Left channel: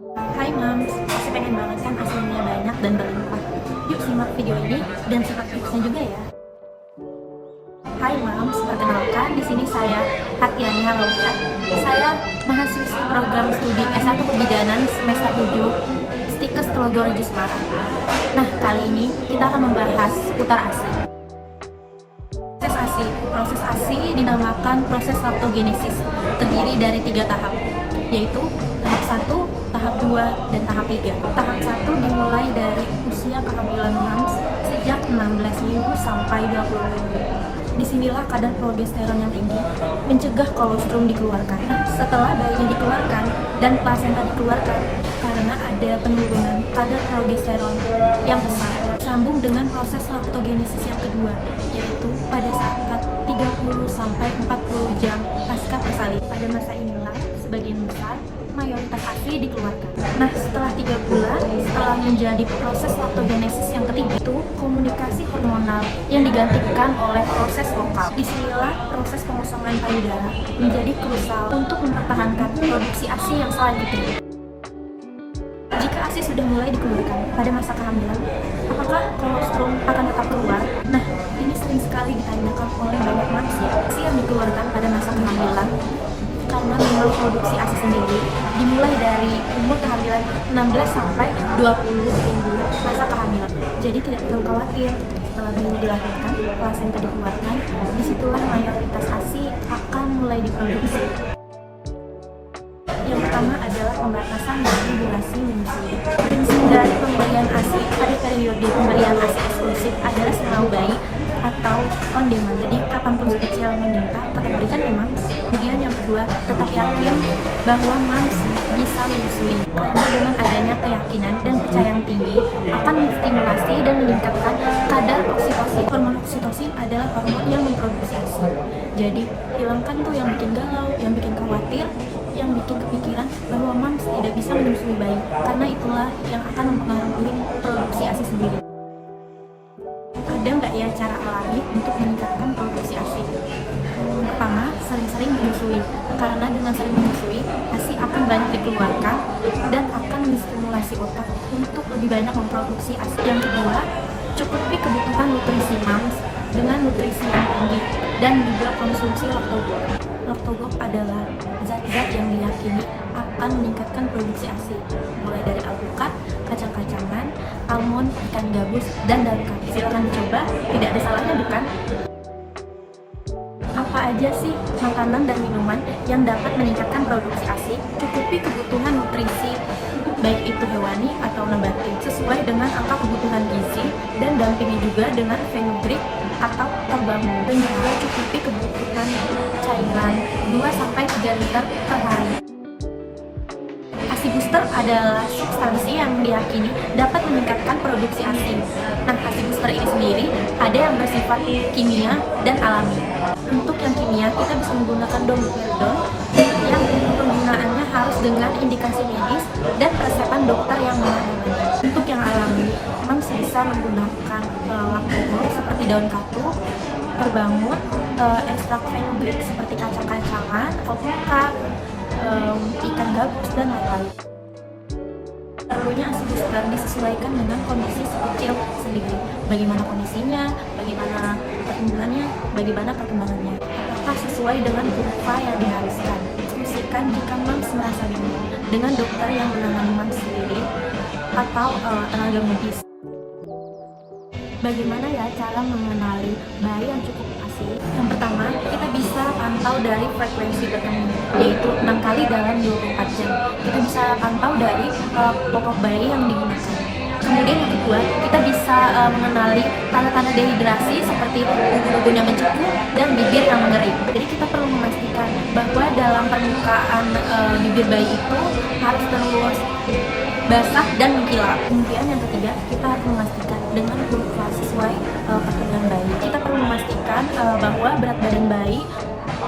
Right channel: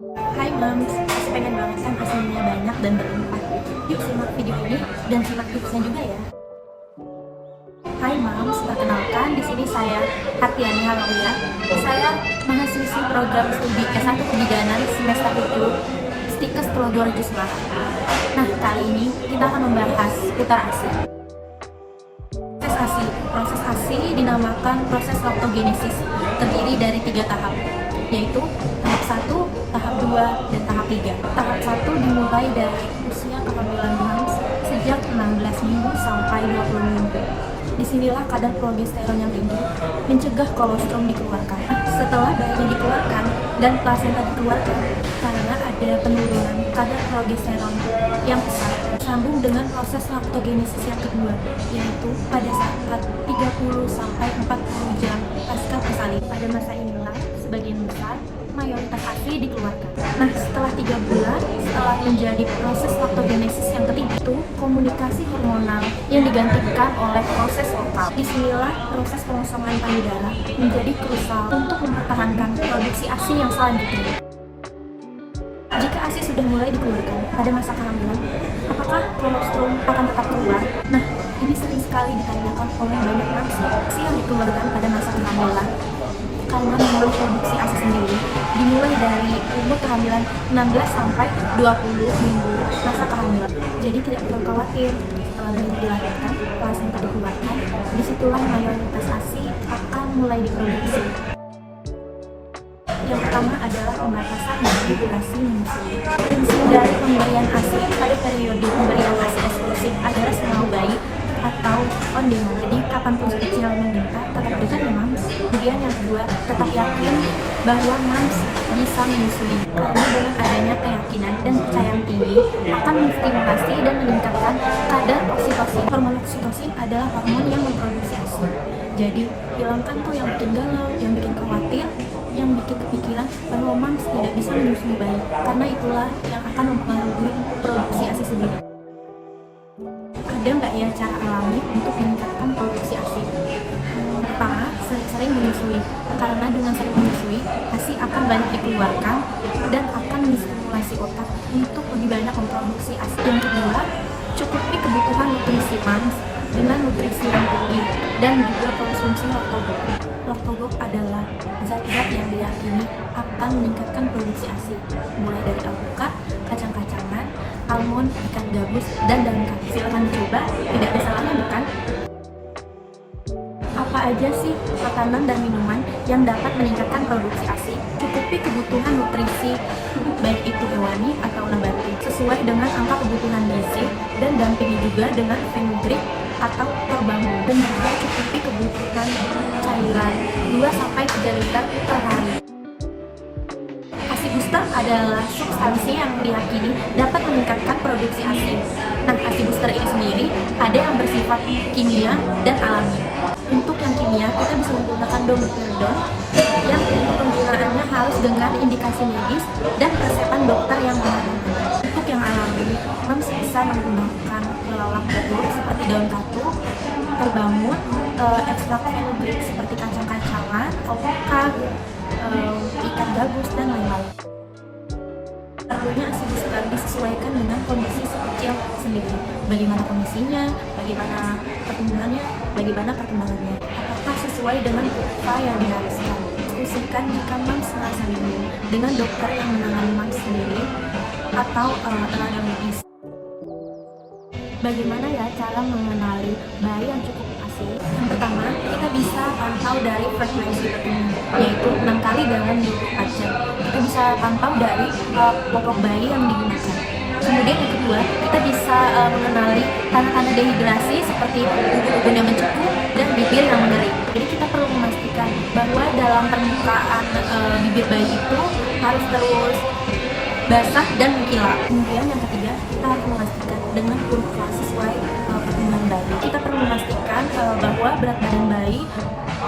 Hai Mams, pasti pengen banget kan ASINnya banyak dan berlimpah. Yuk simak video ini dan simak tipsnya juga ya. Hai Mams, perkenalkan di sini saya Hartiani Halauya. Saya mahasiswi program studi S1 Kebidanan semester 7 Stikes Telogorjo Semarang. Nah, kali ini kita akan membahas putar ASI. Proses ASI dinamakan proses laktogenesis, terdiri dari 3 tahap, yaitu tahap 1, tahap 2, dan tahap 3. Tahap 1 dimulai dari usia kehamilan Mams sejak 16 minggu sampai 20 minggu. Disinilah kadar progesteron yang tinggi mencegah kolostrum dikeluarkan. Setelah bayi dikeluarkan dan plasenta dikeluarkan, karena ada penurunan kadar progesteron yang besar, sambung dengan proses laktogenesis yang kedua, yaitu pada saat 30 sampai 40 jam pasca persalinan. Pada masa inilah sebagian besar mayoritas ASI dikeluarkan. Nah, setelah 3 bulan setelah menjadi proses laktogenesis yang ketiga, itu komunikasi hormonal yang digantikan oleh proses lokal. Disinilah proses pengosongan payudara menjadi krusial untuk mempertahankan produksi ASI yang selanjutnya. Jika ASI sudah mulai dikeluarkan pada masa kehamilan, apakah kolostrum akan tetap keluar? Nah, ini sering sekali ditanyakan oleh banyak manusia. ASI yang dikeluarkan pada masa kehamilan karena memang produksi ASI sendiri dimulai dari umur kehamilan 16 sampai 20 minggu masa kehamilan. Jadi tidak perlu khawatir setelah bayi dilahirkan, plasenta dikeluarkan, disitulah mayoritas ASI akan mulai diproduksi. Yang pertama adalah pembatasan dari durasi menyusui. Prinsip dari pemberian ASI pada periode pemberian ASI eksklusif adalah semau bayi atau on demand. Jadi kapanpun kecil meminta tetap berikan ya Mams. Kemudian yang kedua, tetap yakin bahwa Mams bisa menyusui. Karena dengan adanya keyakinan dan kepercayaan tinggi akan menstimulasi dan meningkatkan kadar oksitosin. Hormon oksitosin adalah hormon yang memproduksi ASI. Jadi hilangkan tuh yang bikin galau, yang bikin khawatir, yang bikin kepikiran bahwa Mams tidak bisa menyusui bayi, karena itulah yang akan mempengaruhi produksi ASI sendiri. Ada nggak ya cara alami untuk meningkatkan produksi ASI? Pertama, sering-sering menyusui, karena dengan sering menyusui, ASI akan banyak dikeluarkan dan akan menstimulasi otak untuk lebih banyak memproduksi ASI. Yang kedua, cukupi kebutuhan nutrisi Mams dengan nutrisi yang tinggi dan juga konsumsi laktogop. Laktogop adalah zat-zat yang diyakini akan meningkatkan produksi ASI, mulai dari alpukat, kacang-kacangan, almond, ikan gabus, dan daun kaki. Silahkan dicoba, tidak ada salahnya bukan? Apa aja sih makanan dan minuman yang dapat meningkatkan produksi ASI? Cukupi kebutuhan nutrisi, baik itu hewani atau nabati, sesuai dengan angka kebutuhan gizi, dan dampingi juga dengan fenugreek atau terbangun, dan juga cukupi kebutuhan cairan 2-3 liter per hari. ASI booster adalah substansi yang diyakini dapat meningkatkan produksi ASI. Nah, ASI booster ini sendiri ada yang bersifat kimia dan alami. Untuk yang kimia, kita bisa menggunakan domperidone yang penggunaannya harus dengan indikasi medis dan resepan dokter yang menangani. Untuk yang alami, Mams bisa menggunakan laktogop seperti daun katu, terbangun, ekstrak fenugreek seperti kacang-kacangan, alpukat, ikan gabus, dan lain-lain. Perlunya ASI booster disesuaikan dengan kondisi si kecil sendiri. Bagaimana kondisinya, bagaimana pertumbuhannya, bagaimana perkembangannya. Apakah sesuai dengan kurva yang diharuskan. Diskusikan jika Mams merasa yakin dengan dokter yang menangani Mams sendiri atau tenaga medis. Bagaimana ya cara mengenali bayi yang cukup ASI? Yang pertama, kita bisa pantau dari frekuensi bertemu, yaitu 6 kali dalam 24 jam. Kita bisa pantau dari popok bayi yang digunakan. Kemudian yang kedua, kita bisa mengenali tanda-tanda dehidrasi seperti ubun-ubun yang mencepu dan bibir yang mengering. Jadi kita perlu memastikan bahwa dalam permukaan bibir bayi itu harus terus basah dan mengkilap. Kemudian yang ketiga, kita harus memastikan dengan kurva sesuai perkembangan bayi. Kita perlu memastikan bahwa berat badan bayi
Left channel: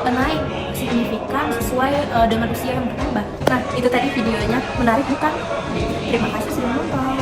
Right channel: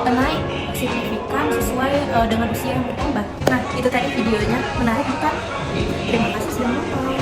naik signifikan sesuai dengan usia yang bertambah. Nah, itu tadi videonya. Menarik bukan? Terima kasih sudah nonton.